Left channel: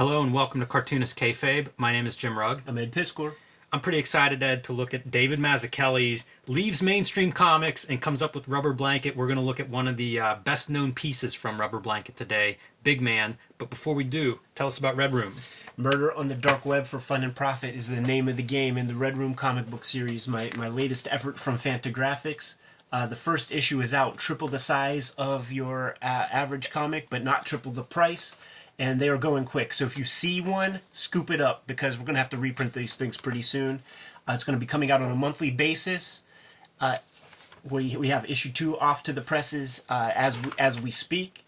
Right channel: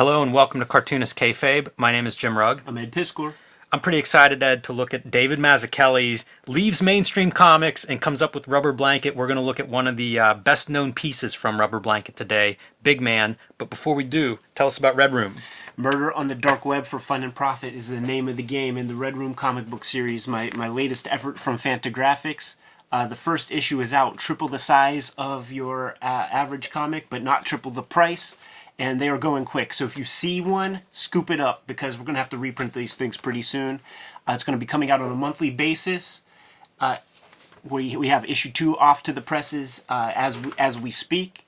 Hello and welcome to Cartoonist Kayfabe. My name is Jim Rugg. I'm Ed Piskor. I'm pretty excited, Ed, to look at David Mazzucchelli's leaves mainstream comics and comes up with Rubber Blanket. We're going to look at one of the best-known pieces from Rubber Blanket today, Big Man. But before we do, tell us about Red Room. Murder on the Dark Web for Fun and Profit is the name of the game in the Red Room comic book series, my latest effort from Fantagraphics. The first issue is out, triple the size of your average comic, but not triple the price. And they are going quick. So if you see one, scoop it up because we're going to have to reprint these things pretty soon. It's going to be coming out on a monthly basis. We have issue 2 off to the presses as we speak.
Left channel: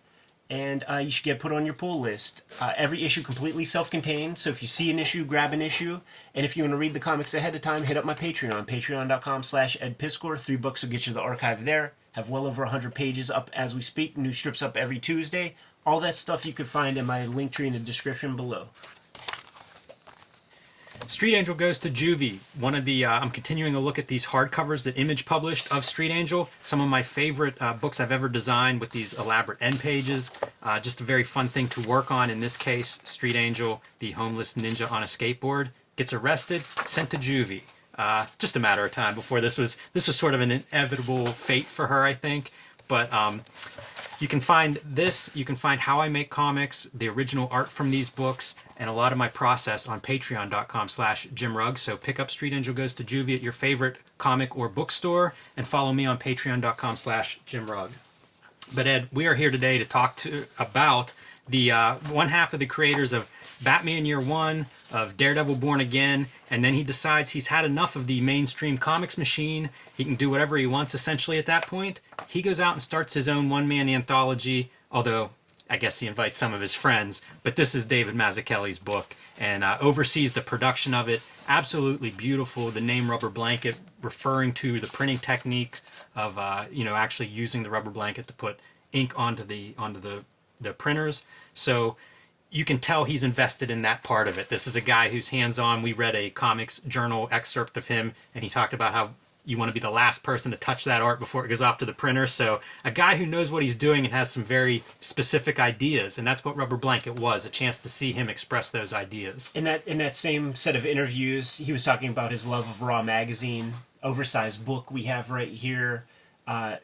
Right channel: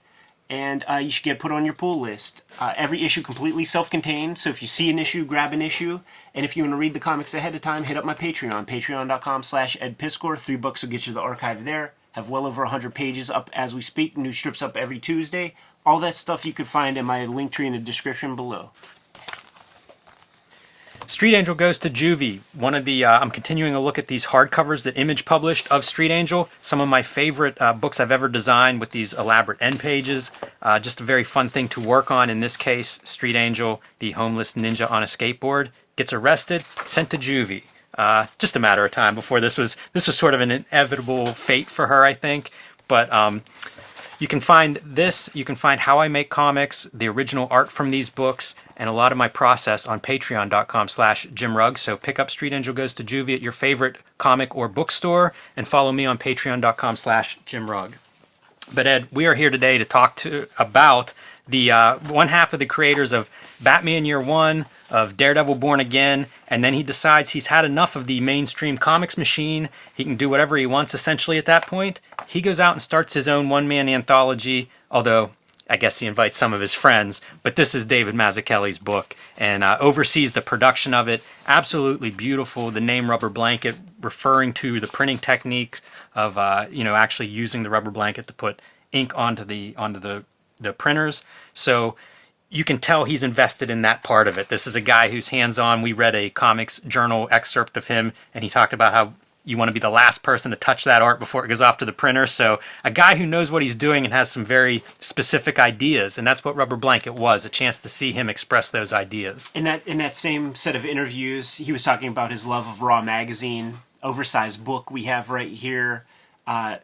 And you should get put on your pull list. Every issue completely self-contained. So if you see an issue, grab an issue. And if you want to read the comics ahead of time, hit up my Patreon. Patreon.com/EdPiskor. $3 will get you the archive there. Have well over 100 pages up as we speak. New strips up every Tuesday. All that stuff you could find in my link tree in the description below. Street Angel Goes to Juvie. One of the I'm continuing a look at these hardcovers that Image published of Street Angel. Some of my favorite books I've ever designed with these elaborate end pages. Just a very fun thing to work on. In this case, Street Angel, the homeless ninja on a skateboard, gets arrested, sent to Juvie. Just a matter of time before this was sort of an inevitable fate for her, I think. But you can find this, you can find how I make comics, the original art from these books, and a lot of my process on patreon.com/JimRugg. So pick up Street Angel Goes to Juvie at your favorite comic or bookstore, and follow me on patreon.com/JimRugg. But Ed, we are here today to talk about the one half of the creators of Batman Year One, of Daredevil Born Again, and then he decides he's had enough of the mainstream comics machine. He can do whatever he wants essentially at that point. He goes out and starts his own one-man anthology, although I guess he invites some of his friends, but this is David Mazzucchelli's book, and oversees the production of it. Absolutely beautiful. The name Rubber Blanket referring to the printing technique of actually using the rubber blanket to put ink onto the printers. So you can tell he's invested in that part of it. This is a guy who's hands-on. We read a comics journal excerpt of him, and he talked about how you want to be the last person to touch that art before it goes off to the printer. So a guy who knows what he's doing and has some very specific ideas, and that's what Rubber Blanket was, a chance to see him express those ideas. In that same set of interviews, he was talking about his love of Raw Magazine, oversized book we have right here.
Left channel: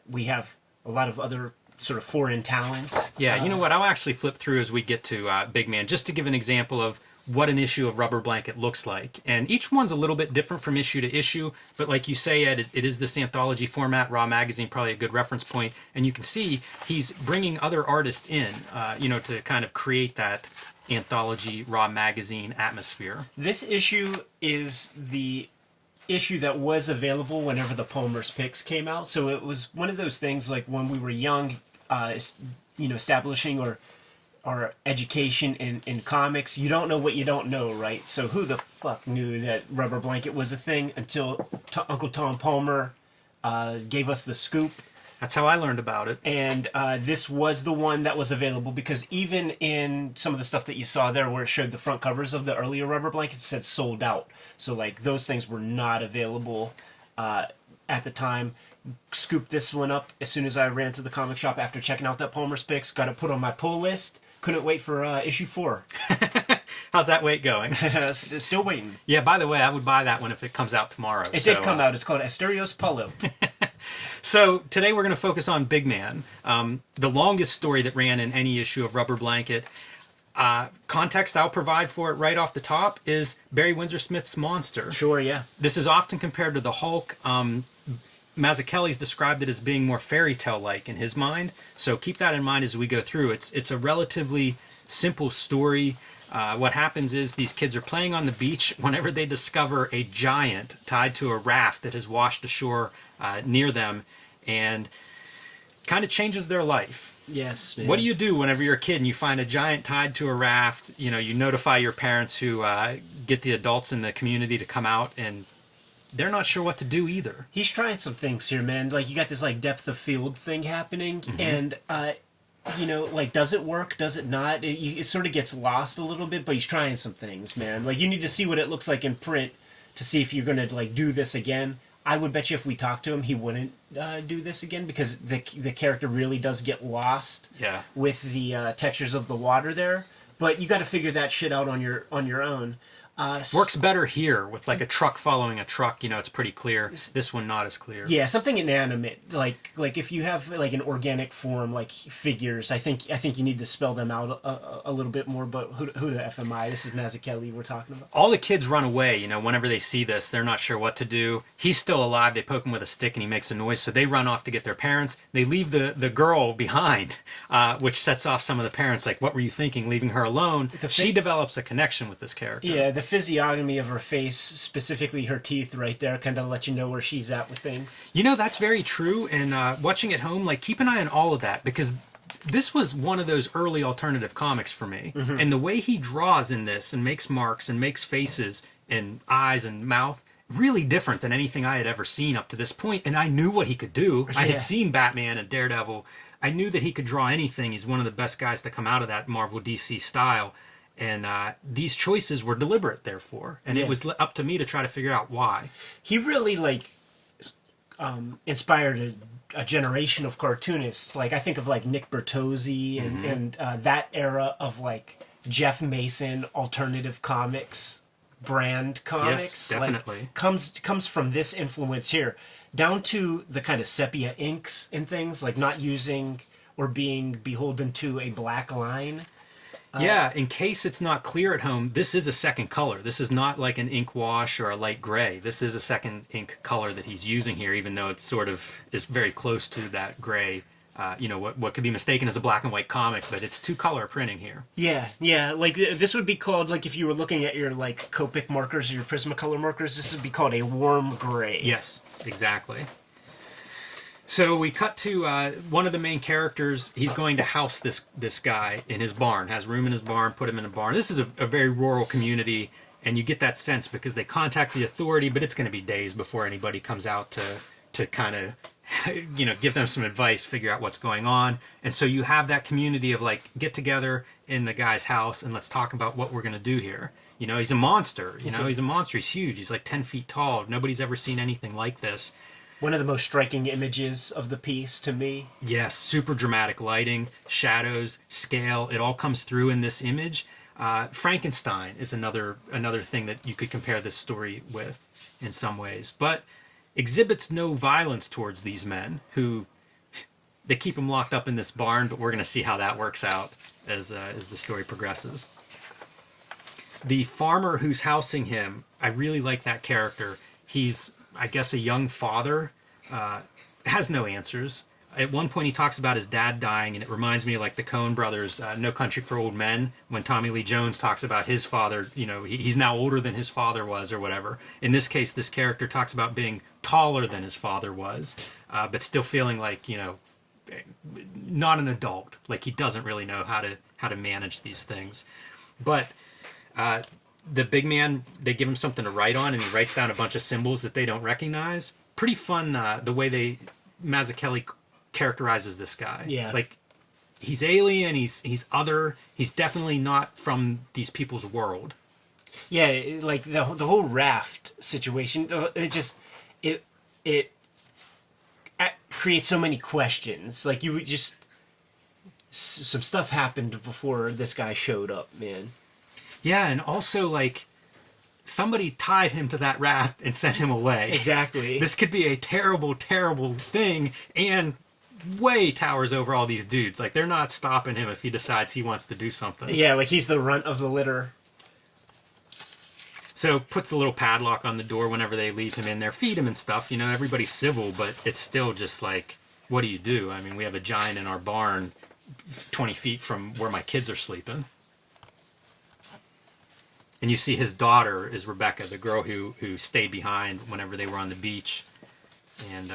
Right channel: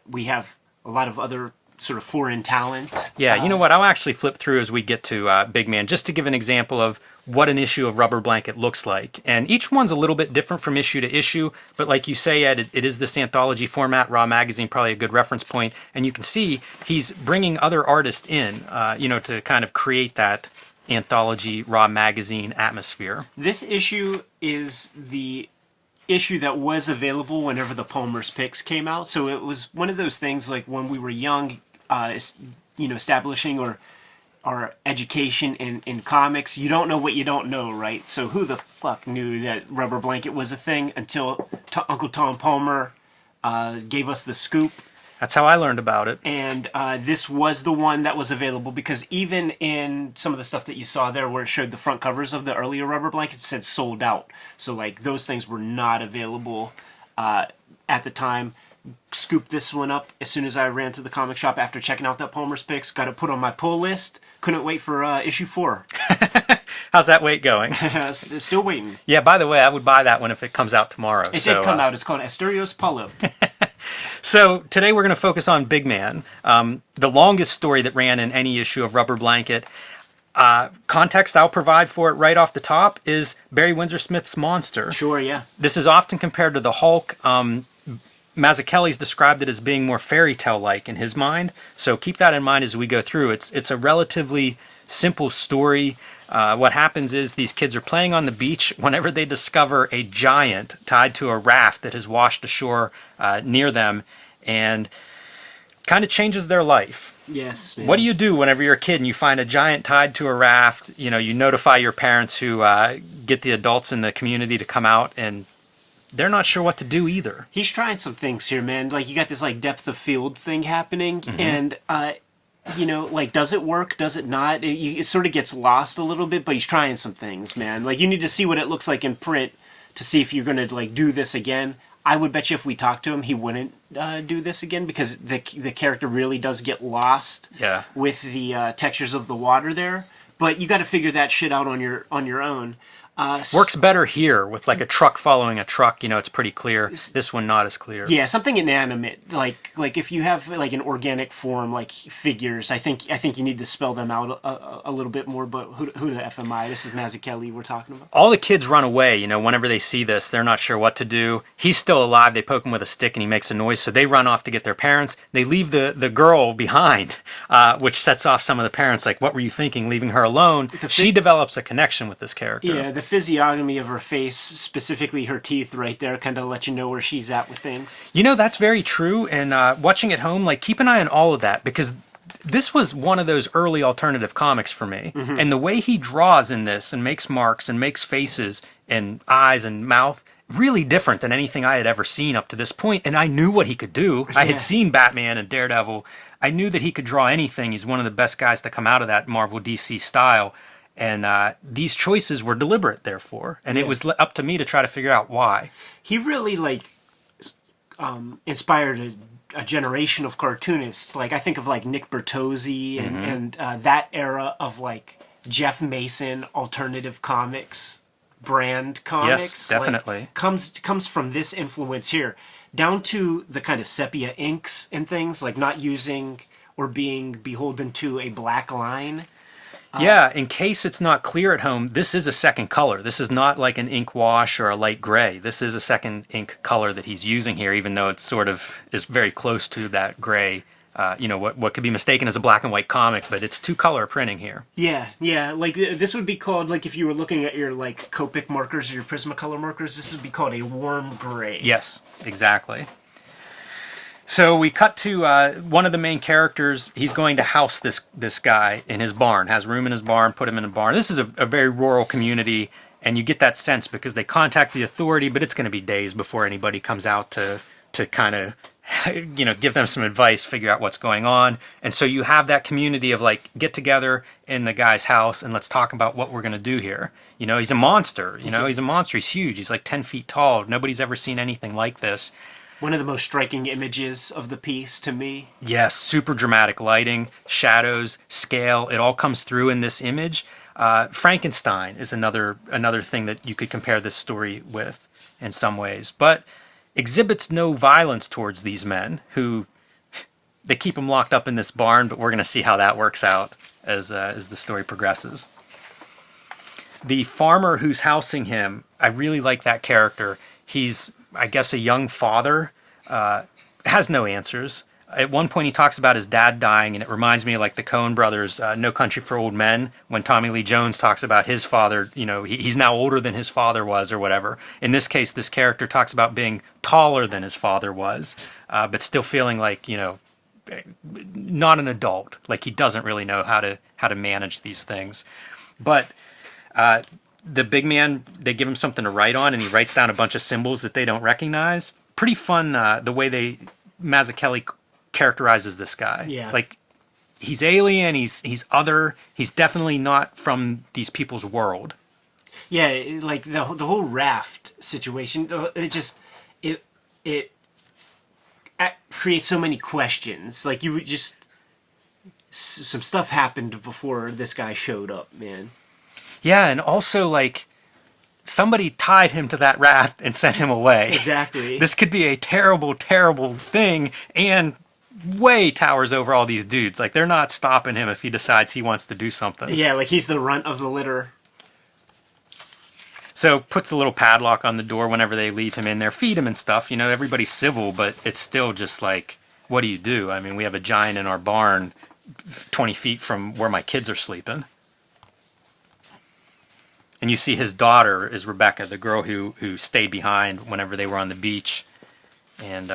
We have a lot of other sort of foreign talent. Yeah, you know what? I'll actually flip through as we get to Big Man, just to give an example of what an issue of Rubber Blanket looks like. And each one's a little bit different from issue to issue, but like you say, Ed, it is this anthology format. Raw Magazine, probably a good reference point. And you can see he's bringing other artists in, to kind of create that anthology Raw Magazine atmosphere. This issue is the issue that was available whenever the Palmer's Picks came out. So it was one of those things like when we were young, establishing our education in comics. You don't know what you don't know, right? So who the fuck knew that Rubber Blanket was a thing until Uncle Tom Palmer gave us the scoop. That's how I learned about it. And this was the one that was available because even in some of the stuff that you saw there where it showed the front covers of the earlier Rubber Blankets, it said sold out. So like those things were not available at the time. Scooped this one up as soon as I ran to the comic shop after checking out that Palmer's Picks. Got it put on my pull list. Couldn't wait for issue 4. How's that wait going? Still waiting. Yeah, by the way, I would buy that one if it comes out tomorrow. It did come out. It's called Asterios Paulo. So today we're going to focus on Big Man, the longest story that ran in any issue of Rubber Blanket. Context I'll provide for it right off the top is Barry Windsor Smith's Monster. Sure, yeah. This is often compared to the Hulk. Mazzucchelli's described it as being more fairy tale-like in his mind, so keep that in mind as we go through. It's a relatively simple story. What happens is these kids are playing on the beach whenever they discover a giant tied to a raft that has washed ashore near them, and kind of changes their life. Yes, man. What do you do whenever you're a kid and you find a giant tied to a raft? You notify your parents, who get the adults in the community to come out, and they're not sure what to do either. He's trying some things here, man. Like, you got this, like, depth of field thing happening, and, does it work? Does it not? It sort of gets lost a little bit, but he's trying some things, man. Like, you need to see what it looks like in print to see if you're going to, like, do this again. I would bet you if we talked to him, he wouldn't do this again because the character really does get lost with the textures of the water there. but you got to figure that shit out on your own. Works better here with like a truck following a truck. It's pretty clear. This one not as clear. Yeah, something inanimate, like if you have like an organic form, like figures. I think you need to spell them out a little bit more. But who the F am I? This is Mazzucchelli we're talking about. All the kids run away. Whenever they see this, they're not sure what to do. He's still alive. They poke him with a stick and he makes a noise, so they run off to get their parents. They leave the girl behind, which sets off some of the parents. Like, what were you thinking, leaving her alone? She develops a connection with this character. Yeah, the physiognomy of her face, specifically her teeth right there, kind of let you know where she's at with things. That's very true. And watching at home, like, keep an eye on all of that, because this was one of those early alternative comics for me. Mm-hmm. And the way he draws in this and makes marks and makes faces and eyes and mouth, really different than anything I had ever seen up to this point. And I knew what he could do. Yeah. I had seen Batman and Daredevil. I knew that he could draw anything. He's one of the best guys to come out of that Marvel DC style. And these choices were deliberate, therefore. And it was up to me to try to figure out why. He really, inspired a generation of cartoonists. Like, I think of, Nick Bertozzi and that era of, Jeff Mason alternative comics, brand comics. Yes, definitely. Comes from this influence here. Down to the kind of sepia inks and things, like not using or being beholden to a black line. In case it's not clear at home, this is a second color. This is not like an ink wash or a light gray. This is a second ink color that he's using here, even though it sort of is very close to that gray. What could be mistaken as a black and white comic, but it's two-color printing here. Yeah. This would be called, if you were looking at your, Copic markers or your Prismacolor markers, this would be called a warm gray. Yes, exactly. So we cut to one of the main characters. He's going to house this guy in his barn, has room in his barn, put him in a barn. This is a very rural community, and you get that sense because they contact the authority, but it's going to be days before anybody comes out to kind of, give them some advice, figure out what's going on. And so you have that community of, get together in the guy's house and let's talk about what we're going to do here. He's a monster. He's a monster. He's huge. He's 10 feet tall. Nobody's ever seen anything like this. One of the most striking images of the piece to me. Yes, super dramatic lighting, shadows, scale. It all comes through in this image. Frankenstein is another thing that you could compare this story with in some ways, but exhibits no violence towards these men who they keep them locked up in this barn. But we're going to see how that works out as the story progresses. The farmer who's housing him, I really like that character. He's, I guess, a young father, has no answers. At one point he talks about his dad dying, and it reminds me of the Coen brothers, No Country for Old Men, when Tommy Lee Jones talks about his father, he's now older than his father was or whatever. In this case, this character talks about being taller than his father was, but still feeling not an adult, he doesn't really know how to manage these things. But the big man, they give him something to write on, and he writes down a bunch of symbols that they don't recognize. Pretty fun the way Mazzucchelli characterizes this guy. Yeah. He's alien, he's other, he's definitely not from these people's world. Yeah, the whole raft situation, it creates so many questions. You would just, some stuff happened before this guy showed up, man. Yeah, and also, somebody tied him to that raft and sent him away. Exactly. This could be a terrible, terrible thing, and way towers over all these dudes. They're not stopping him if he decides he wants to do something. Yeah, he's the runt of the litter. So puts a little padlock on the door whenever they leave him in there. Feed him and stuff. Everybody's civil, but it's still just what do you do? I mean, we have a giant in our barn 20 feet from where my kids are sleeping. And you see his daughter is Rebecca, the girl who stayed behind whenever they were on the beach. And,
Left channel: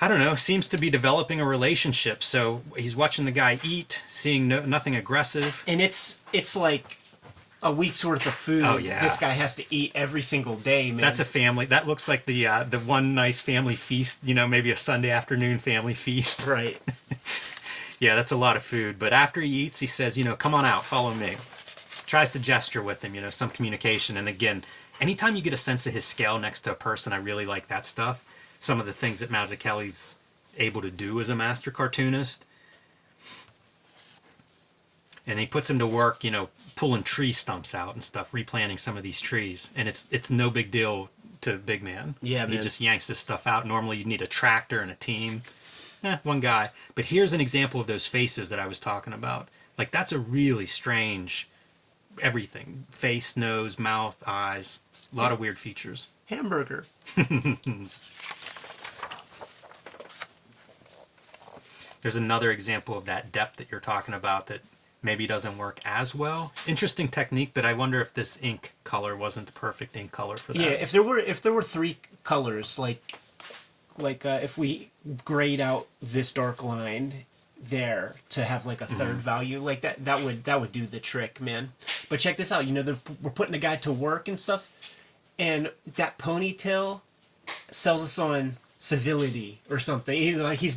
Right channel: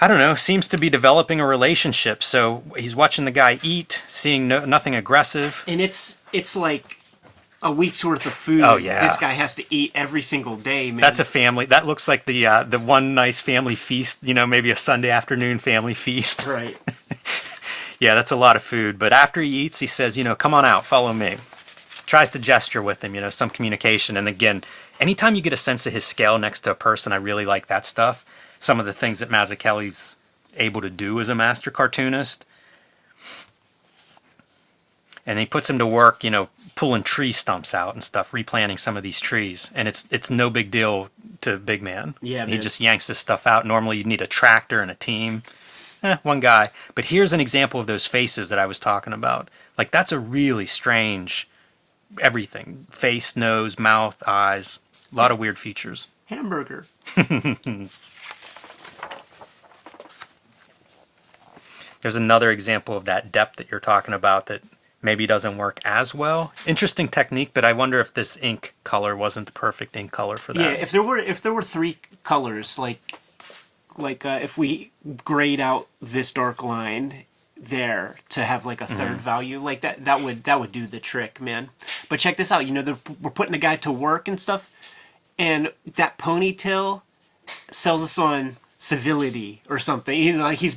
I don't know, seems to be developing a relationship. So he's watching the guy eat, seeing nothing aggressive. And it's a week's worth of food. Oh, yeah. This guy has to eat every single day, man. That's a family. That looks like the one nice family feast, maybe a Sunday afternoon family feast. Right. Yeah, that's a lot of food. But after he eats, he says, come on out, follow me. Tries to gesture with him, some communication. And again, anytime you get a sense of his scale next to a person, I really like that stuff. Some of the things that Mazzucchelli's able to do as a master cartoonist. and he puts him to work, pulling tree stumps out and stuff, replanting some of these trees, and it's no big deal to Big Man. Yeah, He man. just yanks this stuff out. Normally, you need a tractor and a team. One guy. But here's an example of those faces that I was talking about. Like, that's a really strange everything. Face, nose, mouth, eyes. A lot of weird features. Hamburger. There's another example of that depth that you're talking about that maybe doesn't work as well. Interesting technique, but I wonder if this ink color wasn't the perfect ink color for that. Yeah, if there were three colors, like if we grayed out this dark line there to have like a third value, like that would do the trick, man. But check this out, we're putting a guy to work and stuff, and that ponytail sells us on civility or something. Like he's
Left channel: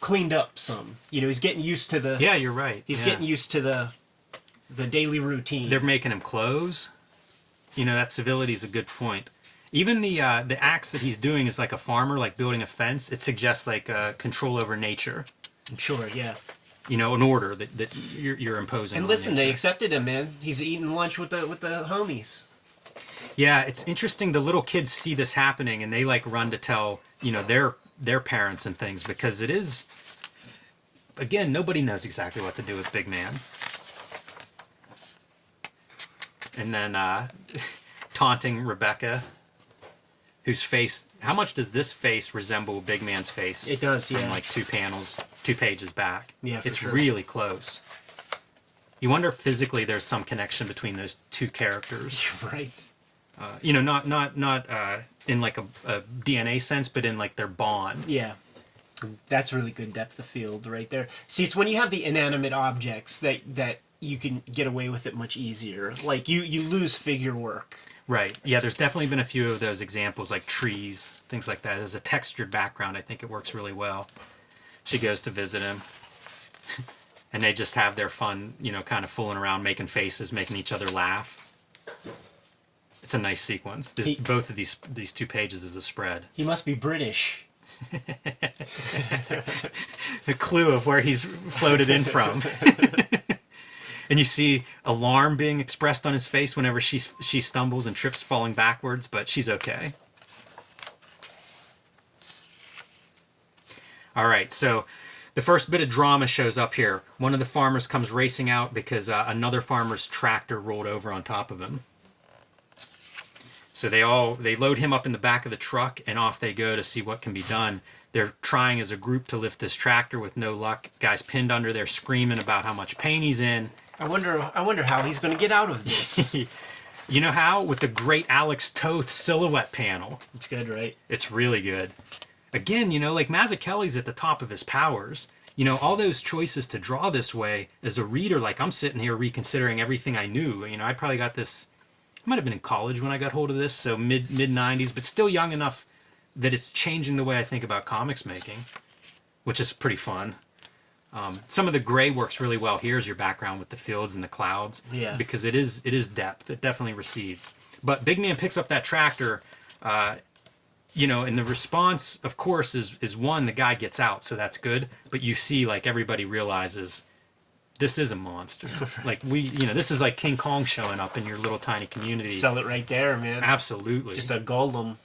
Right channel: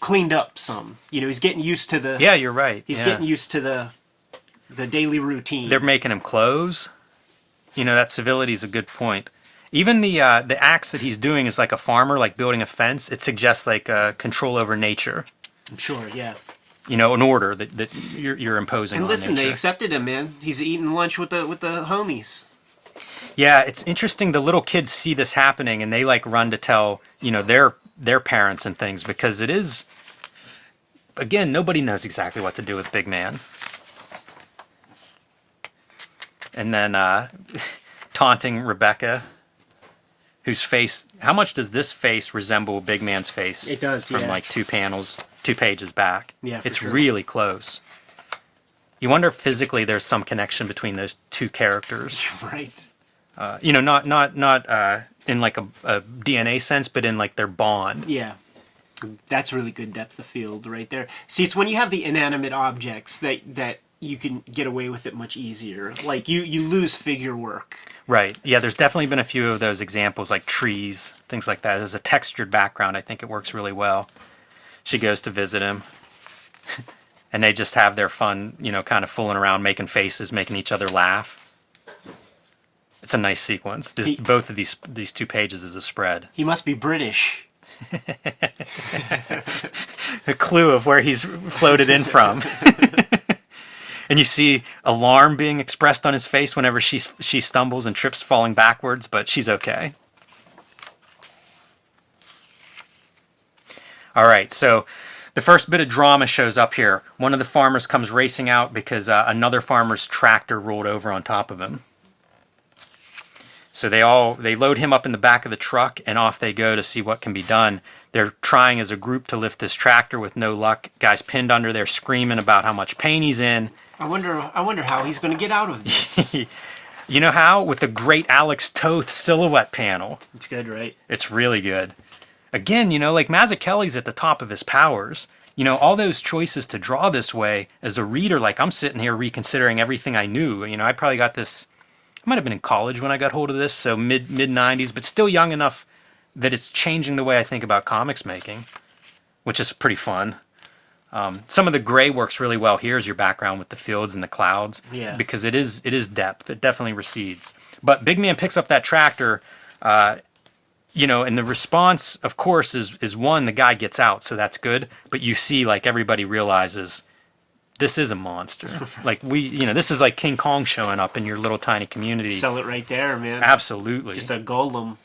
cleaned up some. He's getting used to the. Yeah, you're right. He's getting used to the daily routine. They're making him clothes. That civility is a good point. Even the acts that he's doing is like a farmer, like building a fence. It suggests like control over nature. Sure, yeah. An order that you're imposing. And on listen, nature. they accepted him, man. He's eating lunch with the homies. Yeah, it's interesting. The little kids see this happening and they like run to tell their parents and things, because it is, again, nobody knows exactly what to do with Big Man. And then taunting Rebecca, whose face, how much does this face resemble Big Man's face? It does, from yeah. like 2 pages back. Yeah, for it's sure. really close. You wonder if physically there's some connection between those two characters. Right. Not in like a DNA sense, but in like their bond. Yeah. That's really good depth of field right there. See, it's when you have the inanimate objects that you can get away with it much easier. Like you lose figure work. Right. Yeah, there's definitely been a few of those examples, like trees, things like that. There's a textured background. I think it works really well. She goes to visit him, and they just have their fun, kind of fooling around, making faces, making each other laugh. It's a nice sequence. Both of these 2 pages is a spread. He must be British. A clue of where he's floated in from. And you see alarm being expressed on his face whenever she stumbles and trips, falling backwards, but she's okay. All right, so the first bit of drama shows up here. One of the farmers comes racing out because another farmer's tractor rolled over on top of him. So they load him up in the back of the truck, and off they go to see what can be done. They're trying as a group to lift this tractor with no luck. Guy's pinned under there screaming about how much pain he's in. I wonder how he's going to get out of this. You know how? With the great Alex Toth silhouette panel. It's good, right? It's really good. Again, like Mazzucchelli's at the top of his powers. All those choices to draw this way, as a reader, like I'm sitting here reconsidering everything I knew. I probably got this, I might have been in college when I got hold of this, so mid 90s, but still young enough that it's changing the way I think about comics making, which is pretty fun. Some of the gray works really well here as your background with the fields and the clouds. Yeah. Because it is depth. It definitely recedes. But Big Man picks up that tractor, and the response, of course, is one, the guy gets out, so that's good. But you see, like, everybody realizes this is a monster. Like, this is like King Kong showing up in your little tiny community. Sell it right there, man. Absolutely. Just a golem.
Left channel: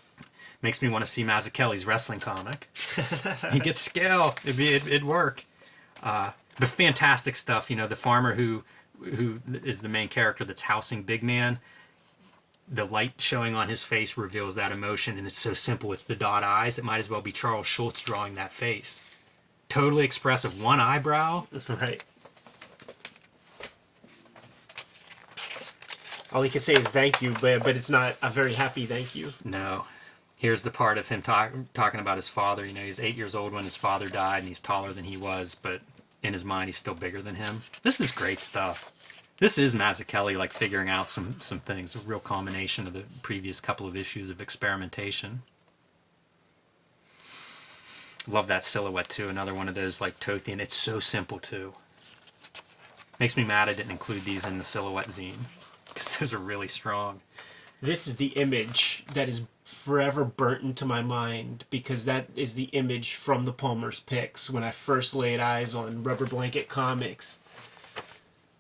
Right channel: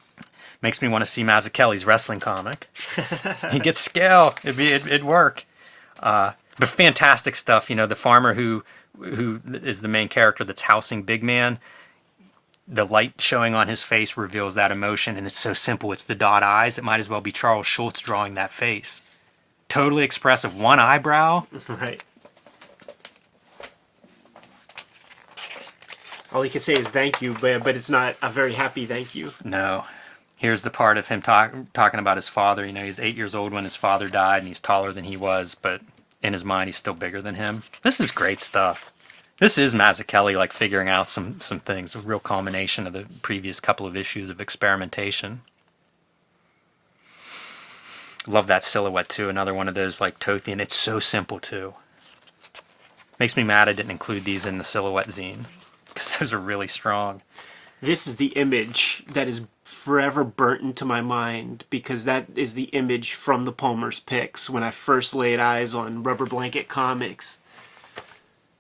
Makes me want to see Mazzucchelli's wrestling comic. He gets scale. It'd work. But fantastic stuff. The farmer who is the main character that's housing Big Man, the light showing on his face reveals that emotion, and it's so simple. It's the dot eyes. It might as well be Charles Schultz drawing that face. Totally expressive. One eyebrow. Right. All he can say is thank you, but it's not a very happy thank you. No. Here's the part of him talking about his father. He's 8 years old when his father died, and he's taller than he was, but in his mind, he's still bigger than him. This is great stuff. This is Mazzucchelli, like, figuring out some things, a real culmination of the previous couple of issues of experimentation. Love that silhouette, too. Another one of those, like, Tothian. It's so simple, too. Makes me mad I didn't include these in the silhouette zine, because those are really strong. This is the image that is forever burnt into my mind, because that is the image from the Palmer's picks when I first laid eyes on Rubber Blanket Comics.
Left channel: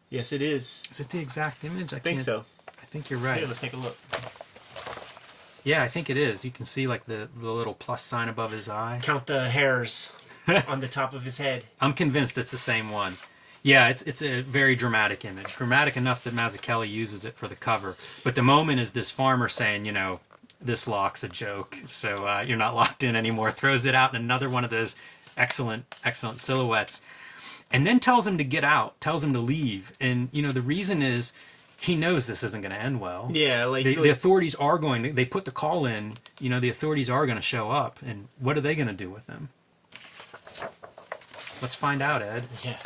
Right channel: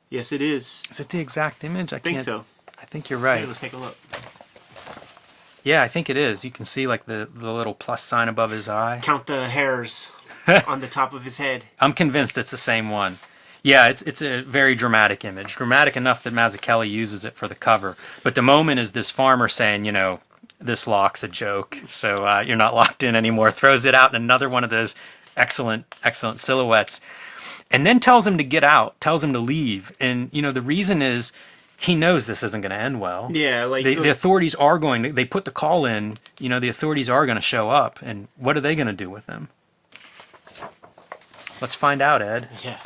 Yes, it is. Is it the exact image? I think so. I think you're right. Here, let's take a look. Yeah, I think it is. You can see like the little plus sign above his eye. Count the hairs on the top of his head. I'm convinced it's the same one. Yeah, it's a very dramatic image. Dramatic enough that Mazzucchelli uses it for the cover. But the moment is this farmer saying, you know, this lock's a joke, so you're not locked in anymore. Throws it out in another one of those excellent silhouettes. And then tells him to get out, tells him to leave. And, you know, the reason is he knows this isn't going to end well. Yeah, the authorities are going to, they put the call in, you know, the authorities are going to show up. And what are they going to do with him? Let's find out, Ed. Yeah.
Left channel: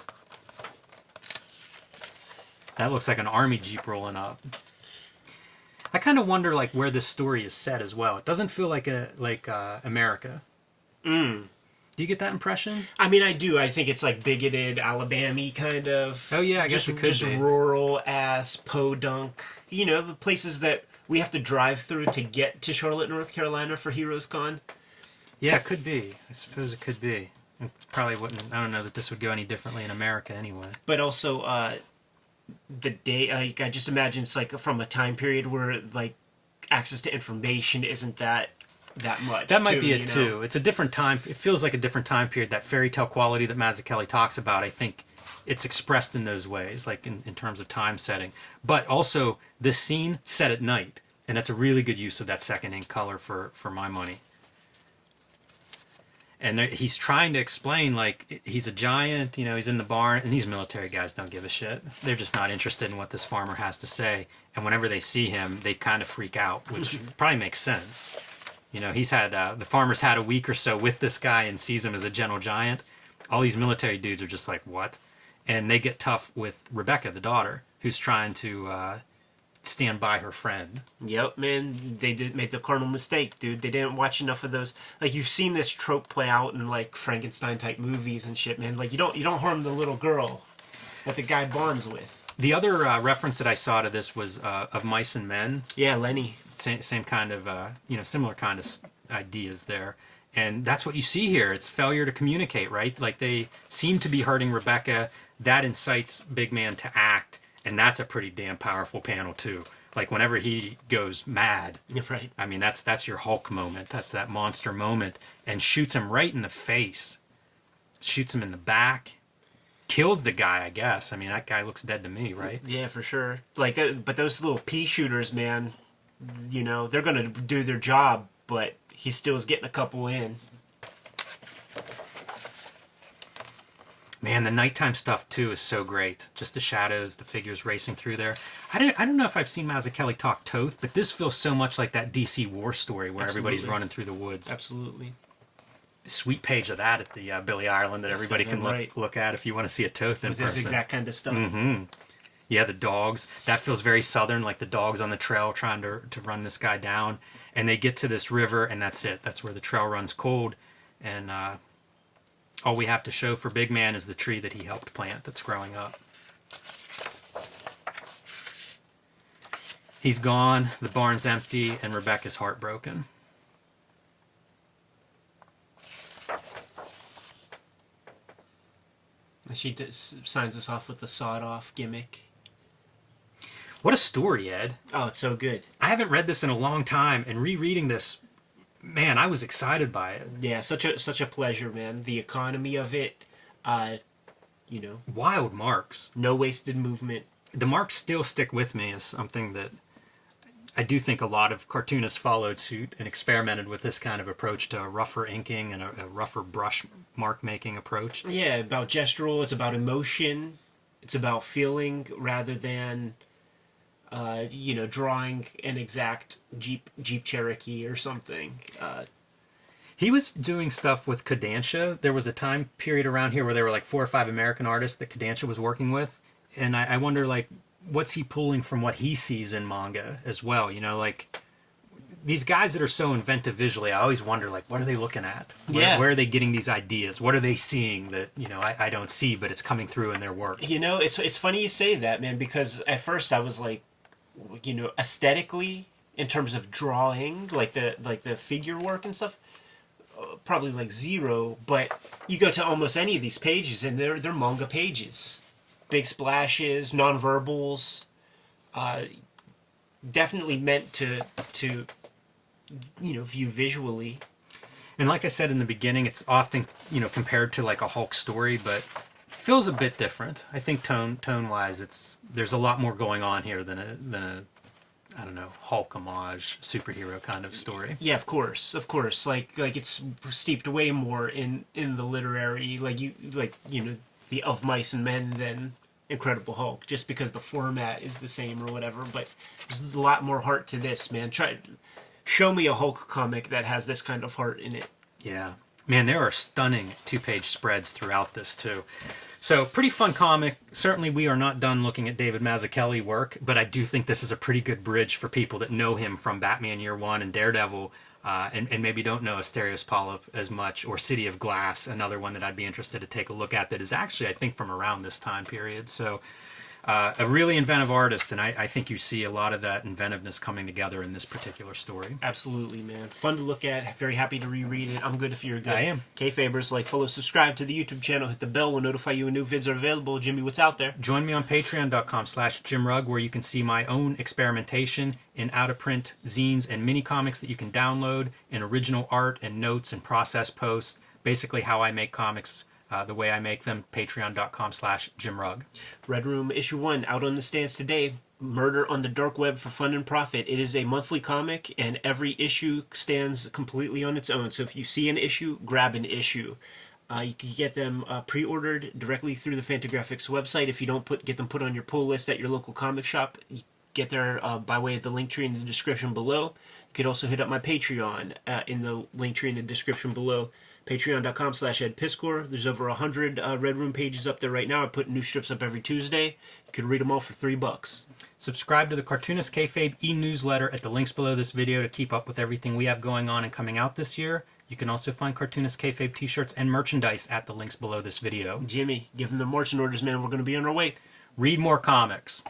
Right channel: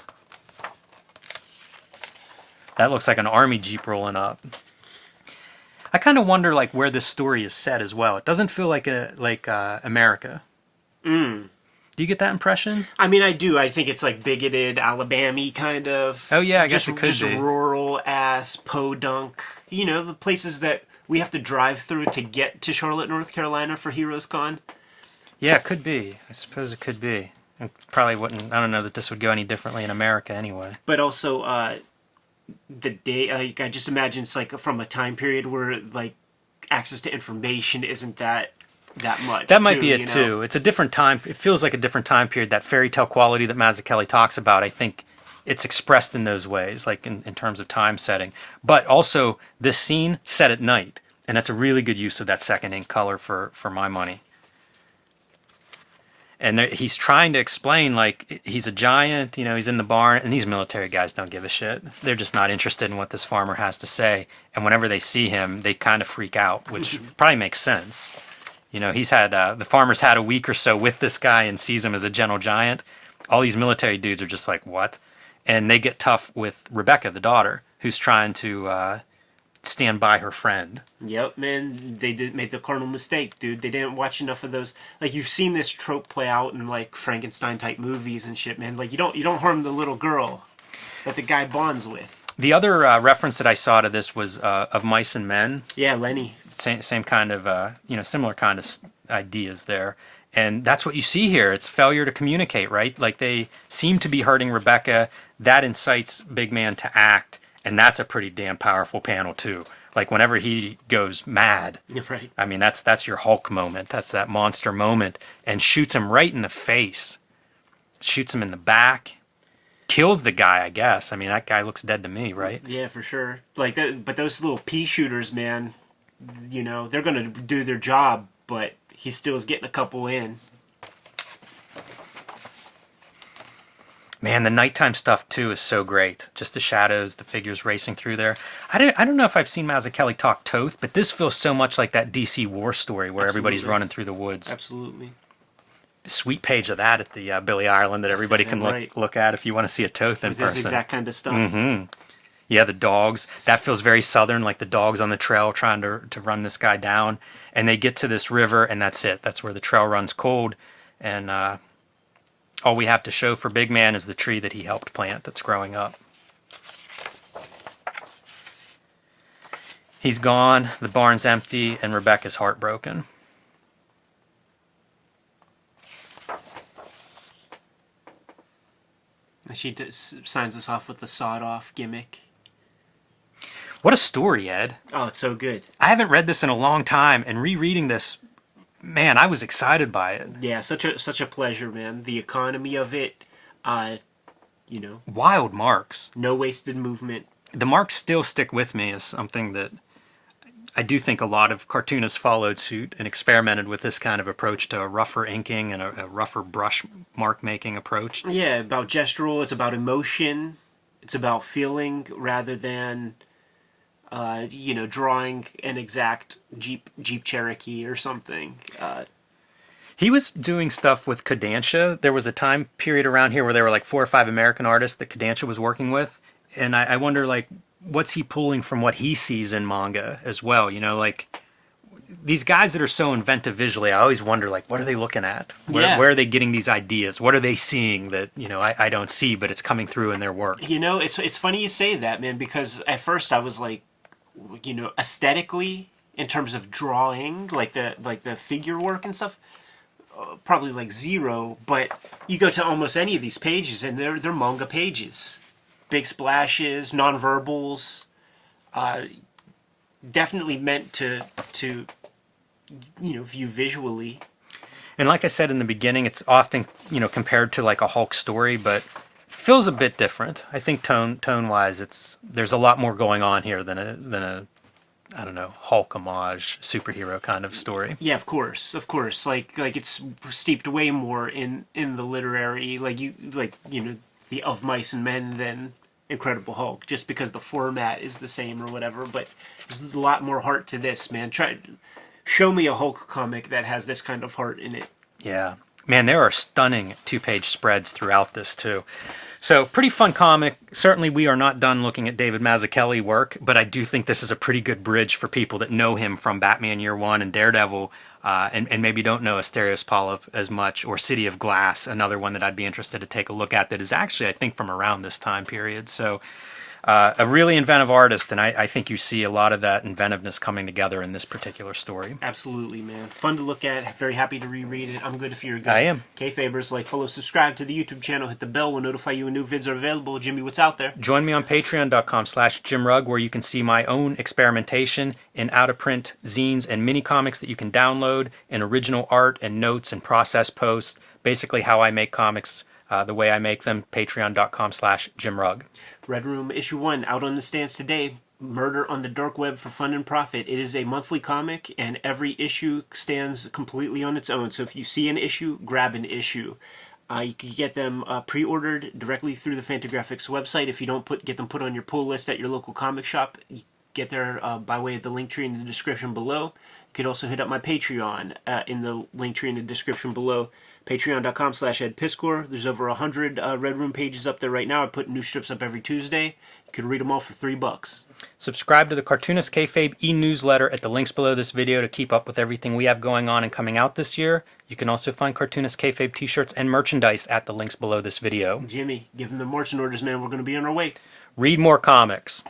That looks like an army jeep rolling up. I kind of wonder, like, where this story is set as well. It doesn't feel like America. Do you get that impression? I mean, I do. I think it's like bigoted, Alabama-y kind of. Oh yeah, I guess it could just be. rural ass podunk. You know, the places that we have to drive through to get to Charlotte, North Carolina for Heroes Con. Yeah, it could be. I suppose it could be. It probably wouldn't. I don't know that this would go any differently in America anyway. But also, the day, like, I just imagine it's like from a time period where like access to information isn't that much. That might be it you know? too. It's a different time. It feels like a different time period. That fairy tale quality that Mazzucchelli talks about, I think it's expressed in those ways, like in terms of time setting. But also, this scene set at night, and that's a really good use of that second ink color for my money. And he's trying to explain, like, he's a giant, you know, he's in the barn, and these military guys don't give a shit. They're just not interested in what this farmer has to say. And whenever they see him, they kind of freak out, which probably makes sense. You know, he's had, the farmer's had a week or so with this guy and sees him as a gentle giant. All these military dudes are just like, what? And they get tough with Rebecca, the daughter, who's trying to stand by her friend. Yep, man, they did make the cardinal mistake, dude. They didn't watch enough of those. Like, you've seen this trope play out in like Frankenstein type movies and shit, man. Like, you don't harm the little girl that the guy bonds with. The other reference that I saw to this was of Mice and Men. Yeah, Lenny. Same kind of, you know, similar kind of ideas there. And that's what you see here. It's failure to communicate, right? Like, they seem to be hurting Rebecca. That incites Big Man to act. And that's a pretty damn powerful panel, too. Like, whenever he goes mad. Right. I mean, that's your Hulk moment. That's that monster moment. And shoots him right in the face. Shoots him in the back. Kills the guy, I guess. I mean, that guy looks dead to me, right? Yeah, for sure. Like that, but those little pea shooters, man, you know, they're gonna do their job, but he still is getting a couple in. Man, the nighttime stuff too is so great. Just the shadows, the figures racing through there. I don't know if I've seen Mazzucchelli talk Toth, but this feels so much like that DC War story where everybody's running through the woods. Absolutely. Sweet page of that at the Billy Ireland that everybody can right. look at if you want to see a Toth in With person. this exact kind of stuff. Yeah, the dogs. That feels very southern, like the dogs on the trail trying to run this guy down. And they get to this river, and that's it. That's where the trail runs cold. And all we have to show for Big Man is the tree that he helped plant that's growing up. He's gone, the barn's empty, and Rebecca's heartbroken. She signs us off with the sawed-off gimmick. What a story, Ed. Oh, it's so good. I haven't read this in a long time, and rereading this, man, I was excited by it. Yeah, such a pleasure, man. The economy of it, you know. Wild marks. No wasted movement. The marks still stick with me as something that I do think a lot of cartoonists followed suit and experimented with this kind of approach to a rougher inking and a rougher brush mark making approach. Yeah, about gestural. It's about emotion. It's about feeling rather than, you know, drawing an exact Jeep Cherokee or something. He was doing stuff with Kodansha. There was a time period around here where there were like 4 or 5 American artists that Kodansha was working with. And I wonder, like, what's he pulling from what he sees in manga as well? You know, like, these guys that are so inventive visually, I always wonder, like, what are they looking at? Where are they getting these ideas? What are they seeing that, you know, I don't see, but it's coming through in their work? You know, it's funny you say that, man, because at first I was like, you know, aesthetically, in terms of drawing, like the figure work and stuff, probably like 0. But you go to almost any of these pages, and they're manga pages. big splashes, nonverbals. Definitely meant to view visually. And like I said in the beginning, it's often, compared to like a Hulk story, but feels a bit different. I think tone wise, there's a lot more going on here than a I don't know, Hulk homage superhero kind of story. Yeah, of course. Like it's steeped way more in the literary, the Of Mice and Men than Incredible Hulk, just because the format is the same or whatever. But there's a lot more heart to this, man. Show me a Hulk comic that has this kind of heart in it. Yeah. Man, there are stunning 2-page spreads throughout this, too. So, pretty fun comic. Certainly, we are not done looking at David Mazzucchelli work, but I do think this is a pretty good bridge for people that know him from Batman Year One and Daredevil, and maybe don't know Asterios Polyp as much, or City of Glass, another one that I'd be interested to take a look at that is actually, I think, from around this time period. So, a really inventive artist, and I think you see a lot of that inventiveness coming together in this particular story. Absolutely, man. Fun to look at. Very happy to reread it. I'm good if you're good. I am. Kayfabers, like, follow, subscribe to the YouTube channel. Hit the bell. We'll notify you when new vids are available. Jimmy, what's out there? Join me on patreon.com/JimRugg, where you can see my own experimentation in out-of-print zines and mini-comics that you can download, and original art and notes and process posts. Basically how I make comics the way I make them, patreon.com/JimRugg. Red Room Issue 1, out on the stands today. Murder on the Dark Web for Fun and Profit. It is a monthly comic, and every issue stands completely on its own. So if you see an issue, grab an issue. You can get them pre-ordered directly through the Fantagraphics website. If you don't get them put on your pull list at your local comic shop, you get there by way of the link tree in the description below. You could also hit up my Patreon in the link tree in the description below. Patreon.com/EdPiscor. There's over 100 Red Room pages up there right now. I put new strips up every Tuesday. You could read them all for $3. Subscribe to the Cartoonist Kayfabe e-newsletter at the links below this video to keep up with everything we have going on and coming out this year. You can also find Cartoonist Kayfabe t-shirts and merchandise at the links below this video. Jimmy, give them the marching orders, man. We're going to be on our way. Read more comics.